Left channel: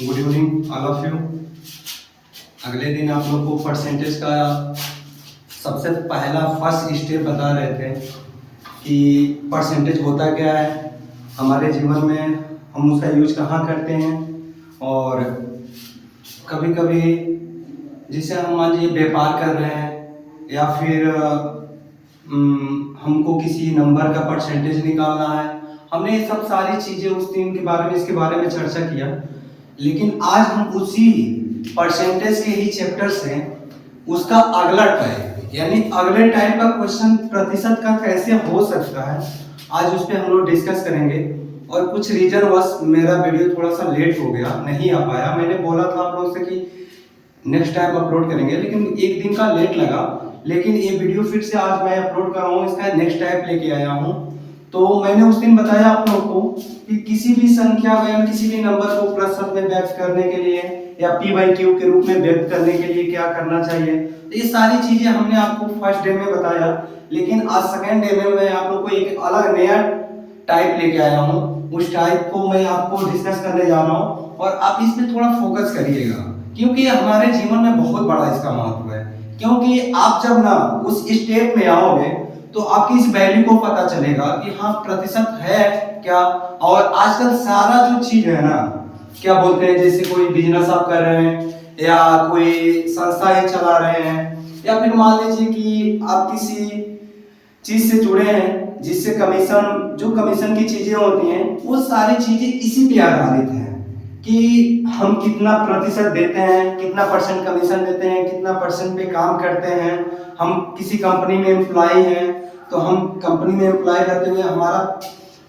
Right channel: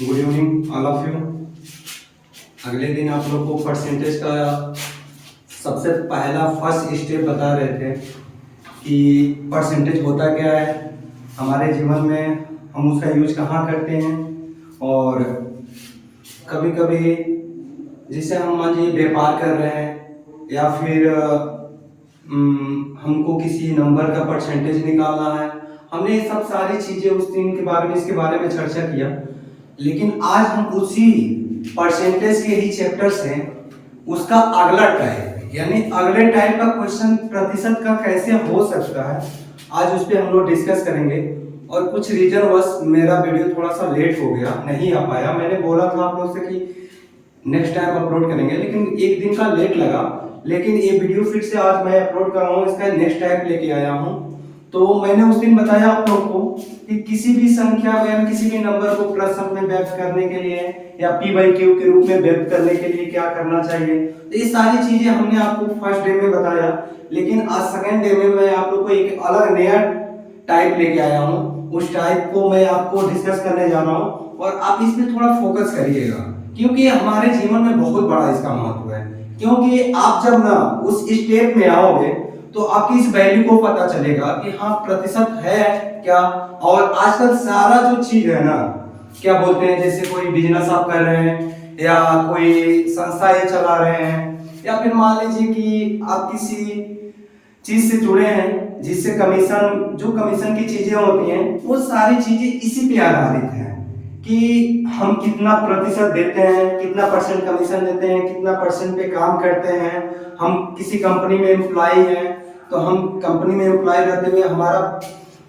Good evening all of you. अगले दिन आप लोग को परसेंटेज का सबसे पहला फर्स्ट स्टेप बता रहे थे कि परसेंटेज होता क्या है, हमारे जीवन में हम उसका यूज कहाँ करते हैं, और कभी कभी जिसे हम मान लीजिए व्यापार कर रहे हैं या फिर हमको किसी नंबर का परसेंटेज निकालना है। हमने ये सब सारी चीज़ें उस दिन के बारे में इसके बारे में चर्चा किया, लेकिन आज हम उसी परसेंटेज के ही चैप्टर से उसका अगला टाइप यानी अगले टाइप का क्वेश्चन प्रतिशत का कैसे हो सकता है, आज उस पर हम लोग डिस्कस करेंगे। और कुछ रीजन वश मेरा वीडियो थोड़ा सा लेट हो गया, नहीं आ पाया। मैंने बोला था आप लोग से कि नेक्स्ट टाइम अपलोड करेंगे, लेकिन एक दिन का लेट लगा। लेकिन ये वीडियो फिर से आज मैं अपलोड कर रहा हूँ, इसका नेक्स्ट टाइप लेके आया हूँ। तो मैंने उस दिन बताया आप लोगों को कि किसी भी संख्या में किसी भी नंबर को प्रतिशत में व्यक्त करने के लिए या p/q के रूप में व्यक्त करने के लिए क्या करना चाहिए। तो ये सारी चीजें हमने आपको फर्स्ट डे में बताया, लेकिन आज सेकेंड डे में मैं आप लोग को एक अलग नया टाइप लेके आया हूँ। उस टाइप को मैं आपको डिस्कस करने जा रहा हूँ और आप इस पे थोड़ा फोकस करिएगा, क्योंकि हमारे जीवन में बहुत बड़ा इसका महत्व है। क्योंकि आप जब ना उस स्टेप में आओगे तो आपकी इस वैल्यू को पता चलेगा कि हाँ प्रतिशत है क्या। और आजकल सारा जो चीज है ना, क्या बोलते हैं, जैसे कोई बिजनेस आप कर रहे हैं या कोई संस्था ही चला रहे हैं, या फिर मान लीजिए कि आप किसी चीज से जुड़े हैं जिससे कमीशन, जो कमीशन की चीजें होती हैं वो सारी चीजें इसी पे आधारित हैं कि हम कितना प्रतिशत देते हैं, कितना परसेंट कमीशन देते हैं, कितना परसेंट पे काम करते हैं। हम किसी कंपनी में एम्प्लॉय हैं तो हम कंपनी में एम्प्लॉय रहते हुए हमारा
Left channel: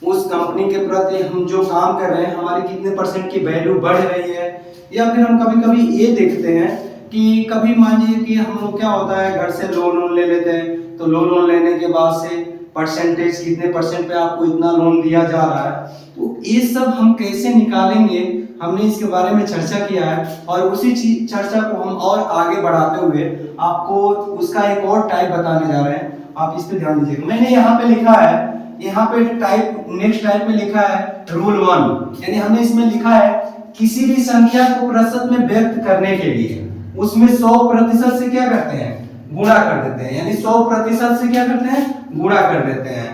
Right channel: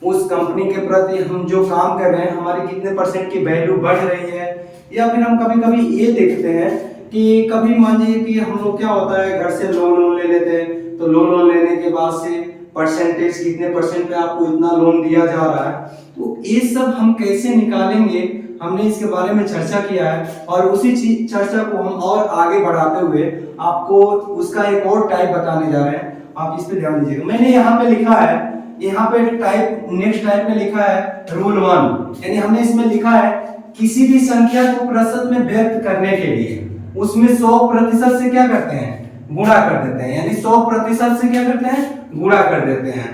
उस कंपनी के प्रति हम जो काम कर रहे हैं हमारी कितने परसेंट की वैल्यू बढ़ रही है। या फिर हम कभी कभी ये देखते हैं कि कभी मान लीजिए कि हम लोग क्या होता है, घर से लोन ले लेते हैं, तो लोन लेने के बाद से परसेंटेज कितने परसेंट पे आपको इतना लोन दिया जा रहा है, तो ये सब हम कैसे निकालेंगे, हमने इसके बारे में चर्चा किया है। और उसी चर्चा को हम और आगे बढ़ाते हुए आपको उसका एक और टाइप बताने जा रहे हैं। आप इस पे ध्यान दीजिएगा। मैंने यहाँ पे लिखा है, यहाँ पे टाइप नेक्स्ट टाइप में लिखा है रूल 1, यानी हमने इसमें लिखा है किसी भी संख्या को प्रतिशत में व्यक्त करने के लिए उसमें 100% से क्या करते हैं, गुणा कर देते हैं। यानी 100% से क्या करते हैं, गुणा कर देते हैं।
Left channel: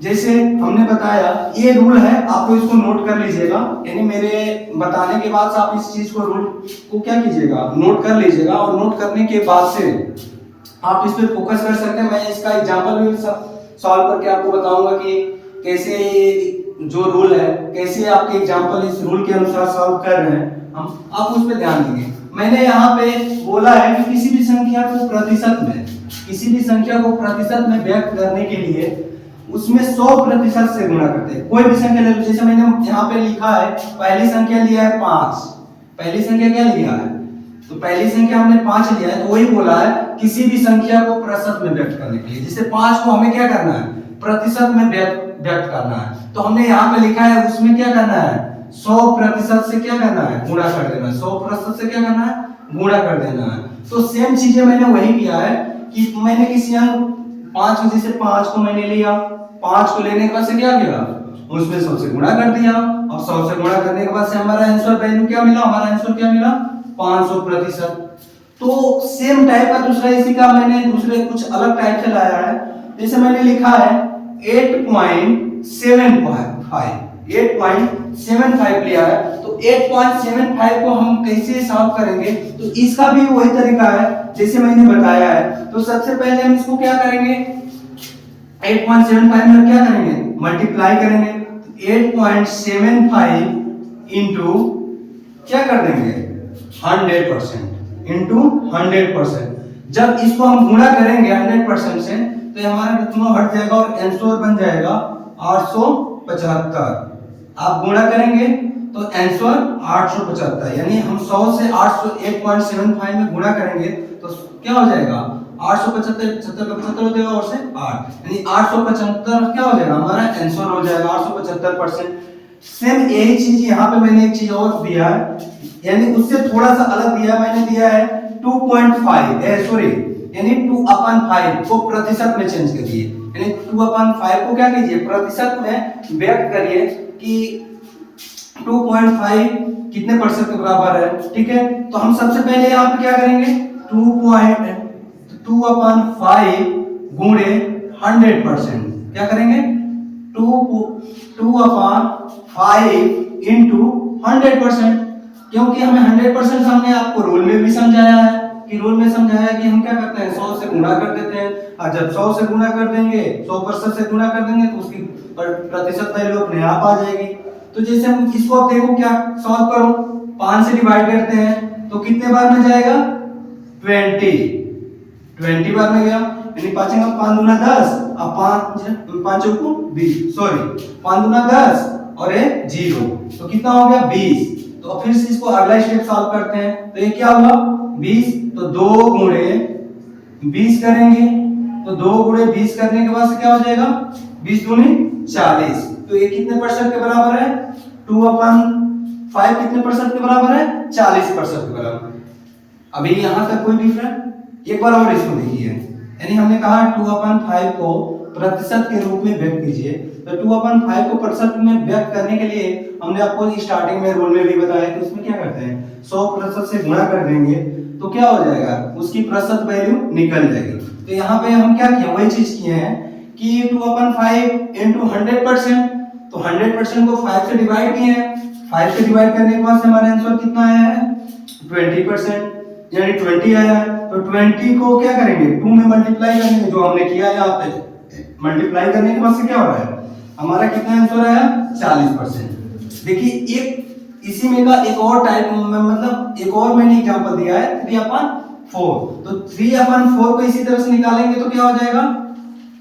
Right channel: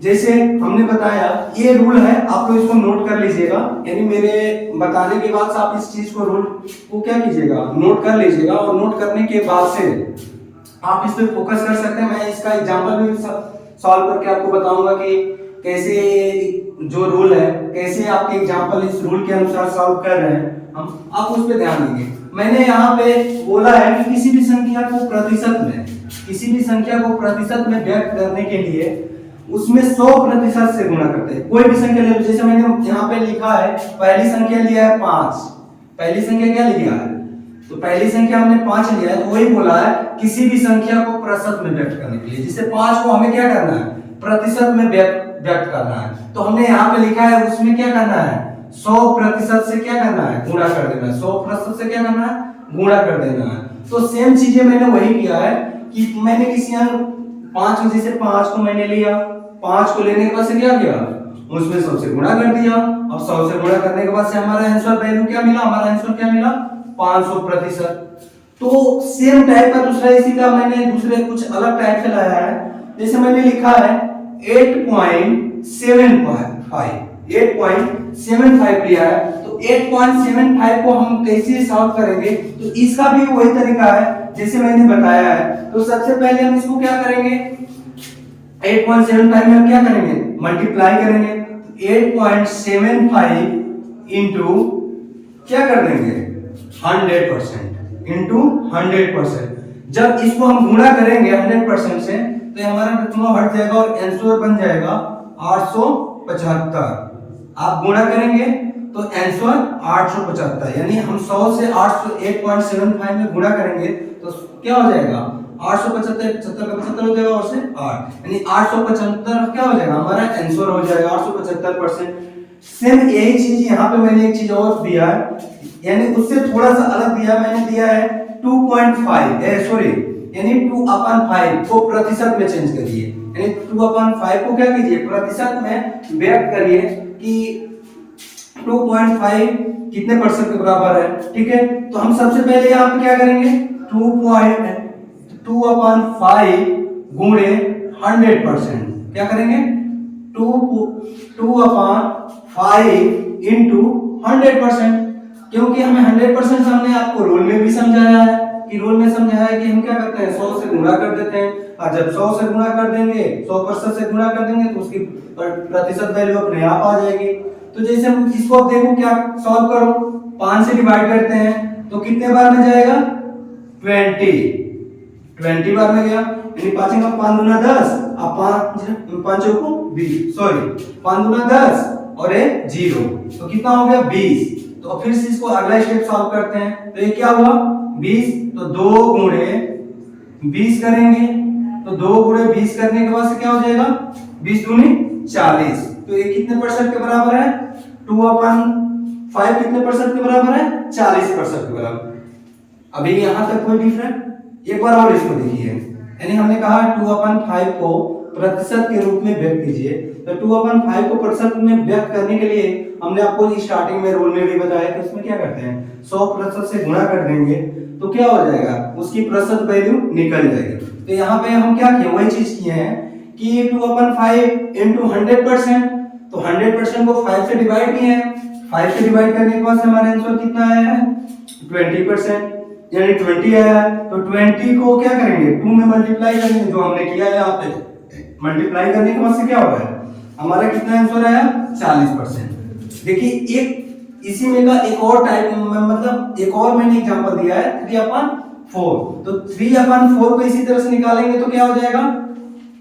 जैसे हमने बताया ये रूल है, आप लोग इसको नोट कर लीजिएगा। यानी मेरे बताने के बाद आप इस चीज को रूल को क्या कीजिएगा, नोट कर लीजिएगा। और नोट करने के बाद से आप इस पे फोकस कर सकते हैं। मैं इसका एग्जांपल भी सॉल्व करके आपको बताऊंगा कि कैसे जो रूल है, कैसे आपके एग्जांपल इस रूल के अनुसार सॉल्व कर रहे हैं हम, आप उस पे ध्यान देंगे। मैंने यहाँ पे बोला है कि किसी भी संख्या को प्रतिशत में, किसी भी संख्या को प्रतिशत में व्यक्त करने के लिए उसमें 100% से गुणा करते हैं। कोई भी संख्या ले लो, जैसे मैंने यहाँ पे लिखा है पहली संख्या लिया है 5। पहली संख्या क्या लिया है, तो पहली संख्या हमने 5 लिया है, तो वही बोला है किसी भी संख्या को प्रतिशत में व्यक्त करने के लिए, जिससे 5 को हमें क्या करना है, प्रतिशत में व्यक्त करना है। तो हमने यहाँ पे लिखा है उसमें क्या करना है, 100% से क्या करना है, गुणा कर देना है। 100% से क्या करना है, गुणा कर देना है। तो सेम चीजें मैंने वही किया है कि मैंने किसी अंक 5 में, जैसे 5 को मैंने लिया, 5 को लेने के बाद से क्या किया, उसमें 100 से गुणा कर दिया। और 100 से गुणा करने के बाद से हमारा आंसर वैल्यू क्या मिला, हमारा आंसर क्या मिला, 500%। तो सेम टाइप का दूसरा इसी का मैंने दूसरे कुछ अलग टाइप से लाया है। जैसे मैंने लिखा है 8.75 लिया है, तो 8.75 को हम कैसे सॉल्व करेंगे, तो इसका भी वही तरीका है जैसे मैंने बताया है। तो सबसे पहले हम इसको क्या करेंगे, 8.75 में क्या करेंगे, मल्टीप्लाई करेंगे। 8.75 इंटू क्या कर देंगे, 100% इंटू 100%। जब इसको हम गुणा करेंगे 100% से तो हमारा दोनों हट जाएगा और आंसर बन जाएगा 875। आप गुणा करेंगे तो आंसर 875, यानी हम 100 से 8.75 में गुणा करेंगे तो क्या हो जाएगा, 875, 75 का 75 हो जाएगा और से 8, यानी 875 क्या हो जाएगा, हमारा आंसर हो जाएगा 875%। सेम यही चीज यहाँ पे मैंने एक चीज और दिया है, यानी उससे थोड़ा सा अलग दिया, मैंने दिया है 2.5 सॉरी, यानी 2/5 को प्रतिशत में चेंज करिए। यानी 2/5 को क्या कीजिए, प्रतिशत में व्यक्त करिए कि 2.5 कितने परसेंट के बराबर है, ठीक है। तो हम सबसे पहले यहाँ पे क्या करेंगे, 2.2/5 गुणे 100%, क्या करेंगे 2/5 इंटू 100%, क्योंकि हमें 100% हमने आपको रूल में भी समझाया है कि रूल में समझाया है कि हम क्या करते हैं 100 से गुणा कर देते हैं, और जब 100 से गुणा कर देंगे 100% से गुणा कर देंगे तो उसकी प्रतिशत वैल्यू अपने आप आ जाएगी। तो जैसे हम इसको अब देखो क्या सॉल्व करो, 5 से डिवाइड करते हैं तो कितने बार में जाएगा 20 बार में गया, यानी 5 का 5 दूना 10 और 5 चौको 20, सॉरी 5 दूना 10 और ये 0, तो कितना हो गया 20। तो फिर से इसको अगला स्टेप सॉल्व करते हैं, तो ये क्या हुआ 20, तो 2 गुणे 20 करेंगे, तो 2 गुणे 20 करने के बाद से क्या हो जाएगा 20 दूनी 40, तो ये कितने परसेंट के बराबर है 2/5 कितने परसेंट के बराबर है 40% के बराबर। अभी यहां तक कोई डिफरेंस, एक बार और इसको देखिए, यानी हमने कहा 2/5 को प्रतिशत के रूप में व्यक्त कीजिए, तो 2/5 को प्रतिशत में व्यक्त करने के लिए हमने आपको स्टार्टिंग में रूल में भी बताया कि उसमें क्या करते हैं 100% से गुणा कर देंगे तो क्या हो जाएगा उसकी प्रतिशत वैल्यू निकल जाएगी। तो यहाँ पे हम क्या किए, वही चीज किए हैं कि 2/5 इंटू 100%, तो 100% को 5 से डिवाइड किए हैं, 5 से डिवाइड करने के बाद हमारा आंसर कितना आया है 20%, यानी 20 आया है। तो 20 को क्या करेंगे 2 में मल्टीप्लाई करेंगे, जो हमने किया है यहाँ पे मल्टीप्लाई करने के बाद से क्या हो रहा है हमारा कितना आंसर आया 40%। देखिए एक इसी में का एक और टाइप मतलब एक और मैंने एग्जांपल दिया है 3/4, तो 3/4 को इसी तरह से निकालेंगे तो क्या हो जाएगा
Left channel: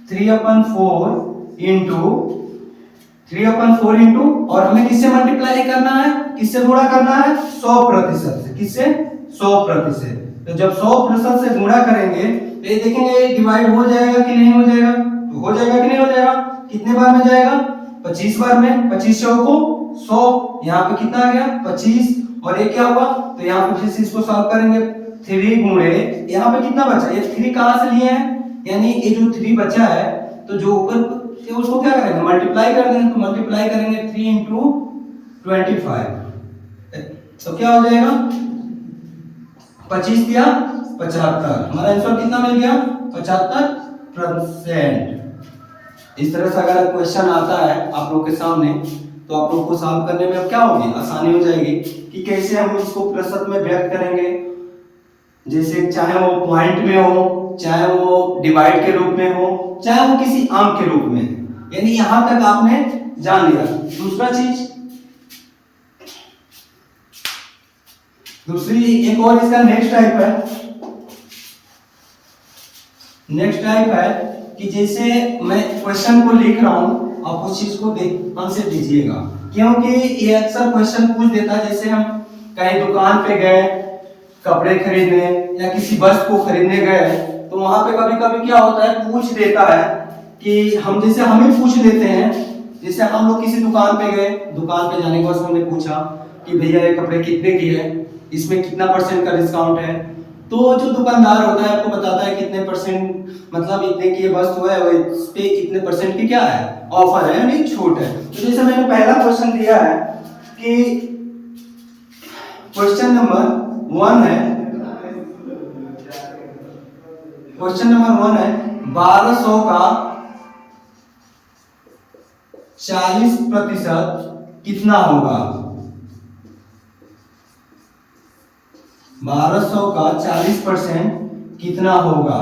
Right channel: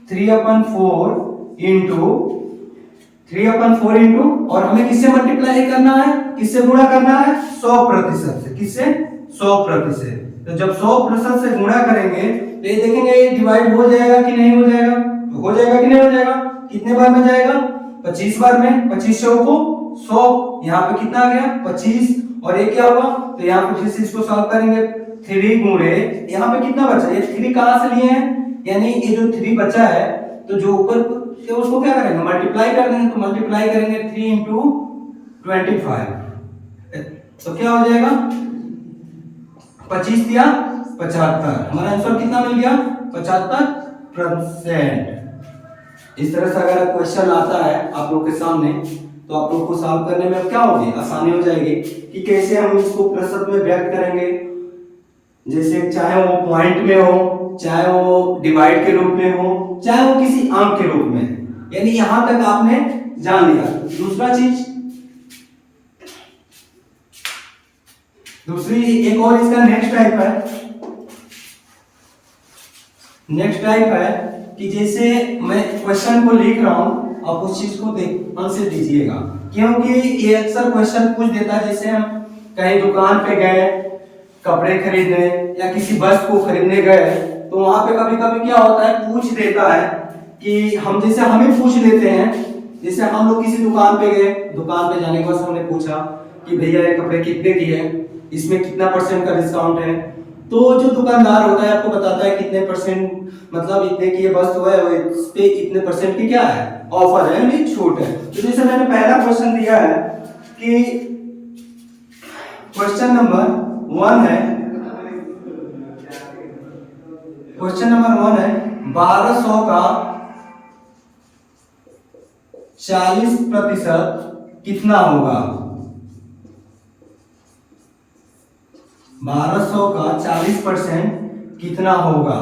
3/4 इंटू और हमें किससे मल्टीप्लाई करना है, किससे गुणा करना है 100% से, किससे 100%। तो जब 100% से गुणा करेंगे तो ये देखेंगे डिवाइड हो जाएगा कि नहीं हो जाएगा, तो हो जाएगा कि नहीं हो जाएगा, कितने बार में जाएगा 25 बार में, 25 चौको 100, यहाँ पे कितना आ गया 25, और ये क्या हुआ तो यहाँ पे फिर से इसको सॉल्व करेंगे 3 गुणे यहाँ पे कितना बचा, ये 3 कहां से लिए हैं, यानी ये जो 3 बचा है तो जो ऊपर उसको क्या करेंगे मल्टीप्लाई कर देंगे, तो मल्टीप्लाई करेंगे 3 इंटू 25, तो क्या हो जाएगा 25 या 75, हमारा आंसर कितना मिल गया 75%। इस तरह से अगर क्वेश्चन आता है आप लोग के सामने तो आप लोग को सॉल्व करने में क्या होगी आसानी हो जाएगी कि कैसे हम इसको प्रतिशत में व्यक्त करेंगे, जैसे चाहे वो पॉइंट में हो, चाहे वो डिवाइड के रूप में हो, चाहे वो किसी अंक के रूप में, यानी यहां तक आपने जान लिया। दूसरी एक और इसका नेक्स्ट टाइप है कि जैसे मैं क्वेश्चन को लिख रहा हूं आप उस चीज को ध्यान से दीजिएगा, क्योंकि ये अक्सर क्वेश्चन पूछ देता है, जैसे हम कहीं दुकान पे गए कपड़े खरीदने या किसी वस्तु को खरीदने गए तो वहां पे कभी कभी क्या होता है पूछ देता है कि हम जैसे हम ही पूछ लेते हैं, जैसे हम लोग किसी दुकान पे गए, दुकान पे जाने के बाद हमने पूछा कि भैया ये कपड़े कितने की है, इसमें कितना % का डिस्काउंट है, तो जो दुकानदार होता है आपको बताता है कितने % मतलब इतने की ये वस्तु है वो इस पे इतने % की क्या है ऑफर है यानी छूट है। तो जैसे मैंने पहला क्वेश्चन दिया है कि क्वेश्चन नंबर 1 है 1200 का 40% कितना होगा, 1200 का 40% कितना होगा।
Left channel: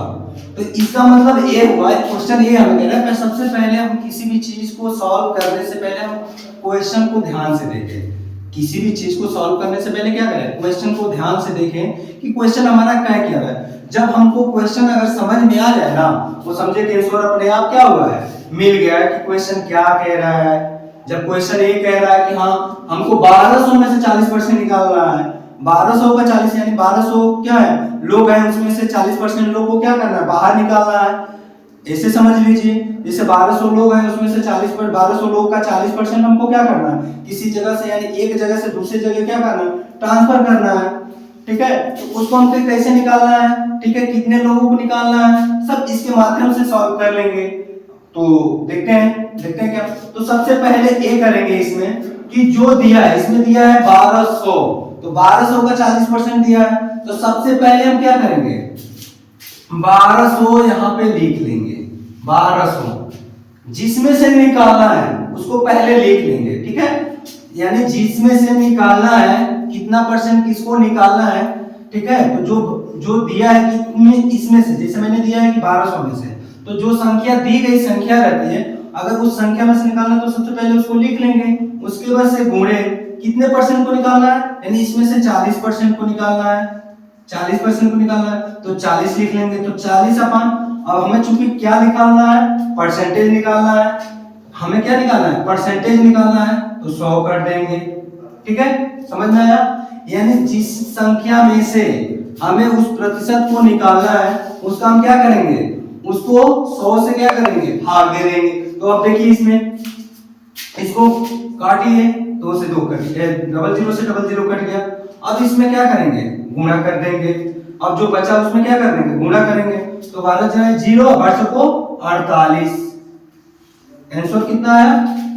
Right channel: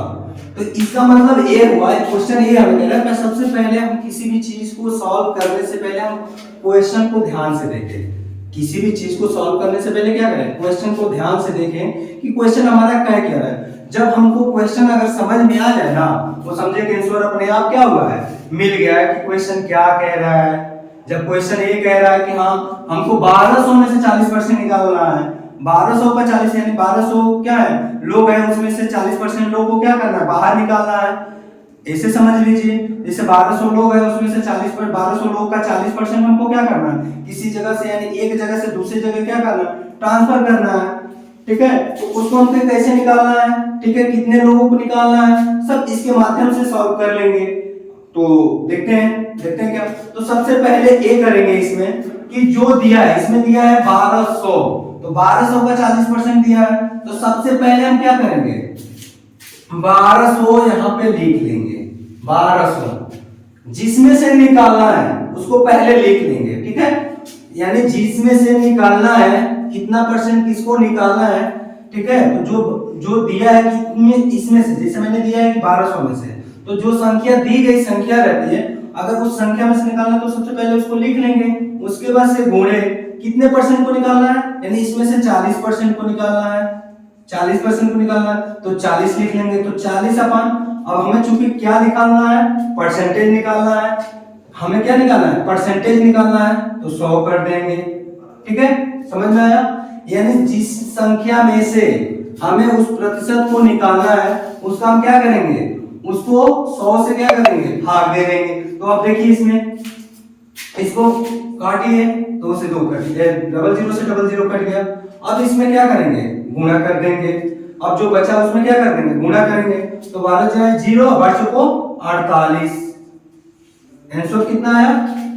तो इसका मतलब ये हुआ क्वेश्चन ये हमें कह रहा है सबसे पहले हम किसी भी चीज को सॉल्व करने से पहले हम क्वेश्चन को ध्यान से देखें, किसी भी चीज को सॉल्व करने से पहले क्या करें क्वेश्चन को ध्यान से देखें कि क्वेश्चन हमारा क्या कह रहा है। जब हमको क्वेश्चन अगर समझ में आ जाए ना वो समझे कि आंसर अपने आप क्या हुआ है मिल गया है कि क्वेश्चन क्या कह रहा है। जब क्वेश्चन ये कह रहा है कि हाँ हमको 1200 में से 40% निकालना है, 1200 का 40 यानी 1200 क्या है लोग हैं, उसमें से 40% लोगों को क्या करना है बाहर निकालना है, ऐसे समझ लीजिए। जैसे 1200 लोग हैं उसमें से 1200 लोग का 40% हमको क्या करना है किसी जगह से यानी एक जगह से दूसरी जगह क्या करना है ट्रांसफर करना है, ठीक है। तो उसको हमको कैसे निकालना है, ठीक है, कितने लोगों को निकालना है, सब इसके माध्यम से सॉल्व कर लेंगे। तो देखते हैं क्या। तो सबसे पहले ए करेंगे इसमें कि जो दिया है, इसमें दिया है 1200, तो 1200 का 40% दिया है, तो सबसे पहले हम क्या करेंगे, 1200 यहाँ पे लिख लेंगे। 1200 जिसमें से निकालना है उसको पहले लिख लेंगे, ठीक है। यानी जिसमें से निकालना है, कितना परसेंट किसको निकालना है, ठीक है। तो जो दिया है कितने, इसमें से, जैसे मैंने दिया है कि 1200 में से, तो जो संख्या दी गई संख्या रहती है, अगर उस संख्या में से निकालना है तो सबसे पहले उसको लिख लेंगे, उसके बाद से गुणे कितने परसेंट को निकालना है, यानी इसमें से 40% को निकालना है, 40% को निकालना है, तो 40 लिख लेंगे। तो 40 अपन, अब हमें चूंकि क्या निकालना है, परसेंटेज निकालना है, हमें क्या निकालना है, परसेंटेज निकालना है, तो 100 कर देंगे, ठीक है। समझ में आया। यानी जिस संख्या में से हमें उस प्रतिशत को निकालना है, उसका हम क्या करेंगे, उसको 100 से क्या करेंगे, भाग दे देंगे। तो अब देखिए इसमें, इसको काटिए, 2 से 2 कट गया, 00 से 00 कट गया। अब इसमें क्या करेंगे, गुणा कर देंगे। अब जो बचा उसमें क्या कर देंगे, गुणा करेंगे। तो 12 जाए 0, 12 को 48, आंसर कितना आया,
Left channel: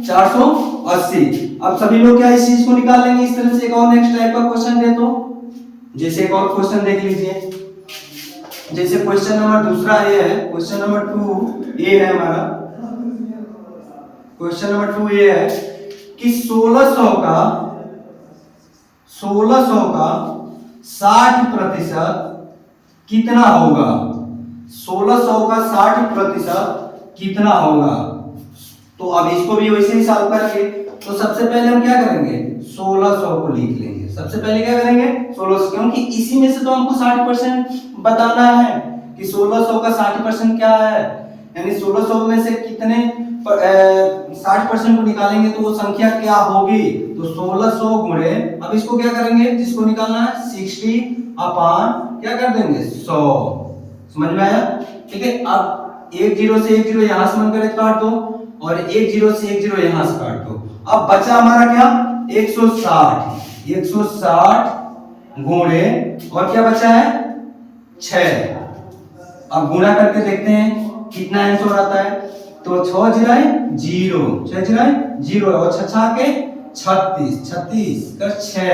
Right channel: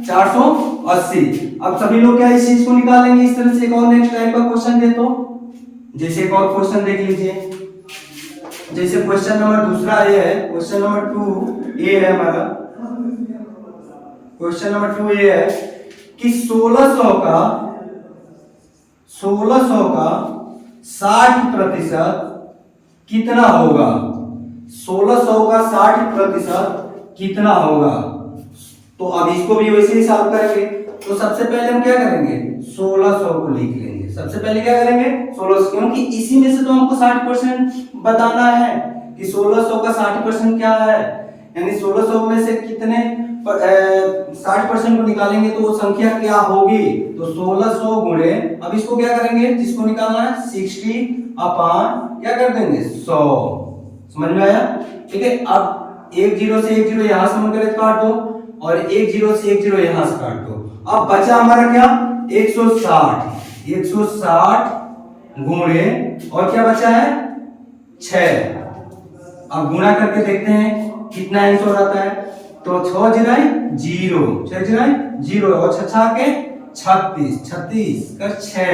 480। अब सभी लोग क्या इस चीज को निकाल लेंगे इस तरह से। एक और नेक्स्ट टाइप का क्वेश्चन दे, तो जैसे एक और क्वेश्चन देख लीजिए, जैसे क्वेश्चन नंबर दूसरा ये है, क्वेश्चन नंबर 2 ये है हमारा, क्वेश्चन नंबर 2 ये है कि 1600 का 60% कितना होगा, 1600 का 60% कितना होगा। तो अब इसको भी वैसे ही सॉल्व करेंगे। तो सबसे पहले हम क्या करेंगे, 1600 को लिख लेंगे। सबसे पहले क्या करेंगे, 1600, क्योंकि इसी में से तो हमको 60% बताना है कि 1600 का 60% क्या है, यानी 1600 में से कितने 60% को निकालेंगे तो वो संख्या क्या होगी। तो 1600 गुणे, अब इसको क्या करेंगे, जिसको निकालना है 60 अपॉन क्या कर देंगे 100। समझ में आया, ठीक है। अब 10 से 10 यहां से मन करे काट दो, और 10 से 10 यहां से काट दो। अब बचा हमारा क्या, 160 गुणे, और क्या बचा है 6। अब गुणा करके देखते हैं कितना आंसर आता है। तो 6 जीराए 0, 6 जीराए 0, और 6 के 36, 36 का 6,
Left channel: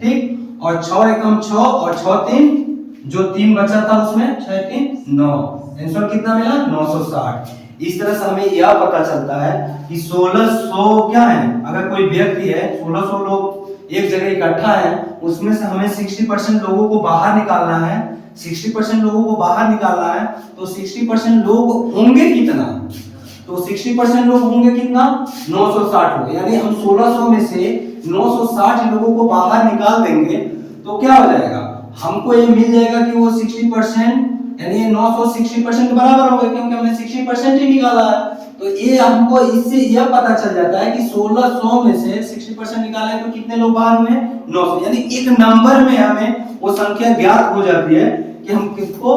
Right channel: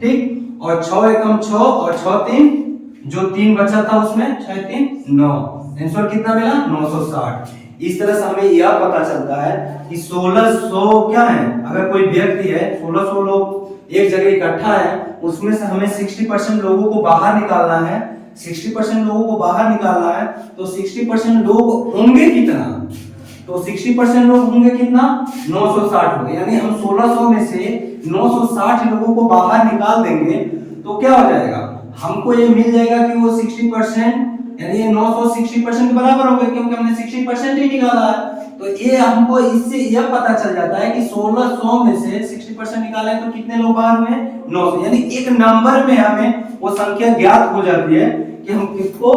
ठीक। और 6 एकम 6, और 6 3, जो 3 बचा था उसमें 6 3 9, आंसर कितना मिला 960। इस तरह से हमें यह पता चलता है कि 1600 क्या है, अगर कोई व्यक्ति है, 1600 लोग एक जगह इकट्ठा है, उसमें से हमें 60% लोगों को बाहर निकालना है, 60% लोगों को बाहर निकालना है। तो 60% लोग होंगे कितना, तो 60% लोग होंगे कितना, 960 लोग। यानी हम 1600 में से 960 लोगों को बाहर निकाल देंगे, तो क्या हो जाएगा, हमको ये मिल जाएगा कि वो 60%, यानी ये 960% के बराबर होगा, क्योंकि हमने 60% ही निकाला है। तो ये हमको इससे यह पता चल जाता है कि 1600 में से 60% निकाले तो कितने लोग बाहर हुए, 900। यानी एक नंबर में हमें वो संख्या ज्ञात हो जाती है कि हम किसको,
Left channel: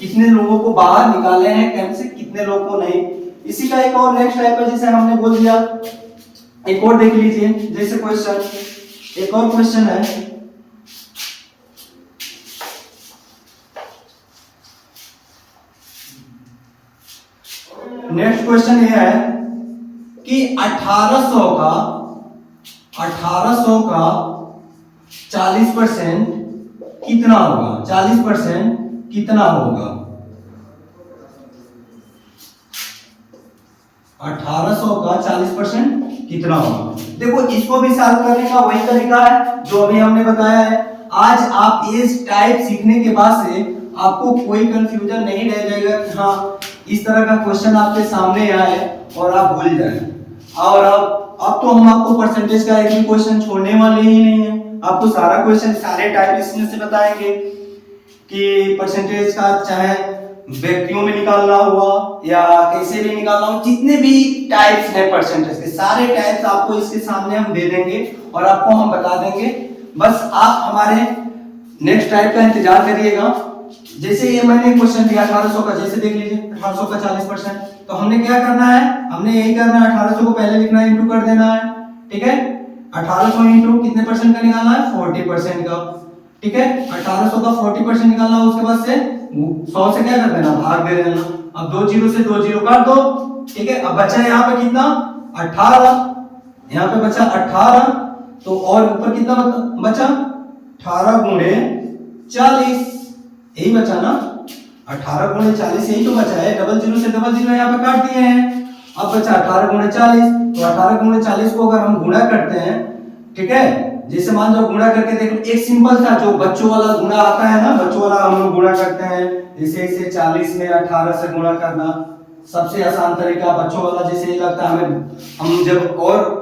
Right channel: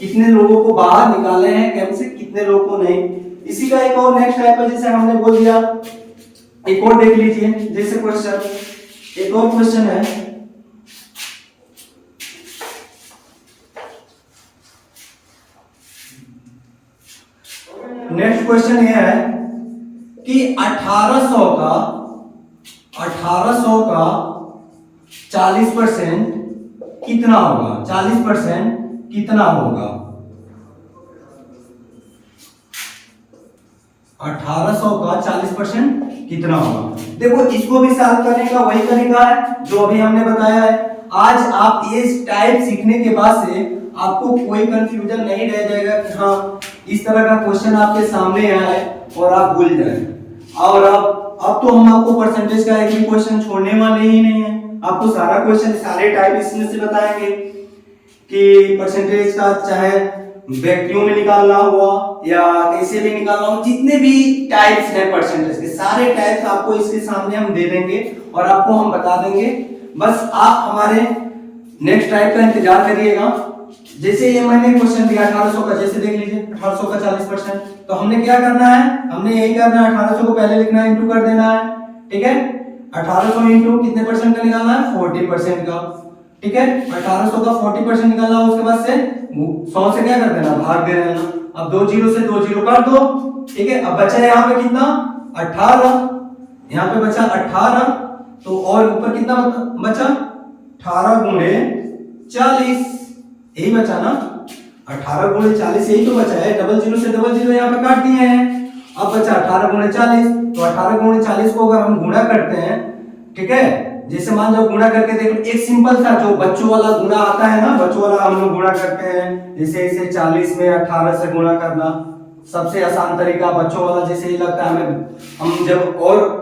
कितने लोगों को बाहर निकाले हैं, कैसे कितने लोगों को नहीं। इसी का एक और नेक्स्ट टाइप है, जैसे हमने बोल दिया, एक और देख लीजिए। जैसे क्वेश्चन, एक और क्वेश्चन है, नेक्स्ट क्वेश्चन ये है कि 1800 का 40% कितना होगा, 40% कितना होगा, 1800 का 40% कितना होगा। देखो इसको भी सॉल्व करने का वही तरीका है जो अभी हमने बताया है। आज आप ये टाइप सीखने के बाद से आपको कोई कंफ्यूजन नहीं रह जाएगा कि हाँ इस तरह का क्वेश्चन आपके सामने आए और आप भूल जाएं। और अब तो हम आपको परसेंटेज का एक भी क्वेश्चन छोड़ने वाले ही नहीं है, आपको सारा क्वेश्चन सारे टाइप इसमें से बताएंगे कि परसेंटेज का चाहे व्यक्तियों में निकालना हुआ या कैसे भी निकालना हो, जितने भी टाइप्स हैं परसेंटेज के, सारे टाइप्स आपको इसके सामने हम दे देंगे और आपको हम बता देंगे। बस आप हमारे नेक्स्ट टाइप का इंतजार करिएगा। जैसे ये मैंने क्वेश्चन दिया 1800 का, जैसे देख लीजिए 1800 का 40%, तो हमने क्या करना है, हमने यही करना है, 1800 को पहले लिखना है, इंटू कर देना है, ठीक है। 1800 इंटू कितने परसेंट का निकालना है, 40% का, ठीक है। 1800 का 40% निकालना है, उसके बाद से 100 से क्या कर देना, भाग दे देना। अब 2 0 से 2 0 काट दो, ठीक है। अब बचा यहाँ पे कितना 18, यहाँ पे बचा 18, तो और ऊपर कितना बचा 18 गुणे 40, यही बचा ना, 18 गुणे 40 यही तो बचा है, डबल जीरो से डबल जीरो यहाँ पे काट दिए हैं। अब बचा 18 गुणे 40, तो 18 गुणे 40 को अगर हम गुणा करते हैं, ठीक है, जैसे मान लो गुणा करके देखो, एक सिंपल था जो बच्चों वाला गुणा आता है ना, बच्चों वाला हम लोग गुणा करते हैं, जैसे इसे 40 में 18 से गुणा करना सबसे आसान तरीका बच्चों वाला जैसे ही लगता है हमें। हम जब और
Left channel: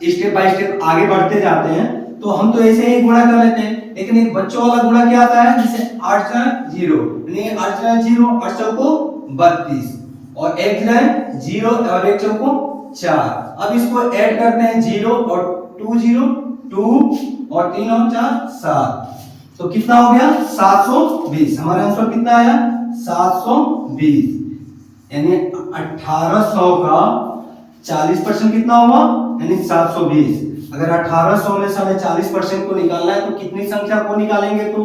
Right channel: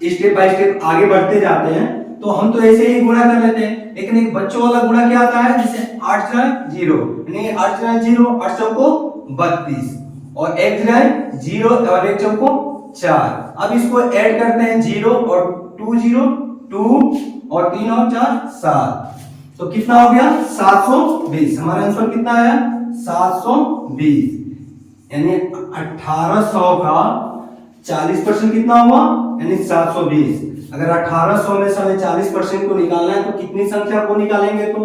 स्टेप बाय स्टेप आगे बढ़ते जाते हैं तो हम तो ऐसे ही गुणा कर लेते हैं, लेकिन एक बच्चों वाला गुणा क्या आता है, जैसे 8 0 यानी 8 0 8 चौको 32 और 1 0 और 1 चौको 4। अब इसको ऐड करते हैं 0 और 2 0 2 और 3 और 4 7, तो कितना हो गया 720। हमारा आंसर कितना आया 720, यानी 1800 का 40% कितना हुआ, यानी 720। अगर 1800 में से हमें 40% को निकालना है तो कितनी संख्या को निकालेंगे तो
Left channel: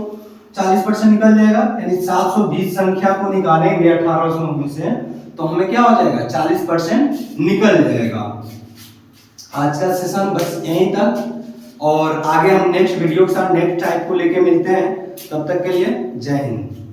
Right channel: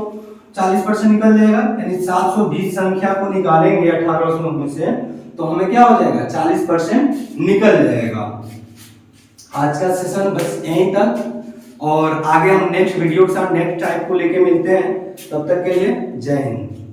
40% निकल जाएगा, यानी 720 संख्या को निकालेंगे 1800 में से तो हमें क्या हो जाएगा 40% निकल जाएगा। आज का सेशन बस यहीं तक, और आगे हम नेक्स्ट वीडियो के साथ नेक्स्ट टाइप को लेके मिलते हैं। तब तक के लिए जय हिंद।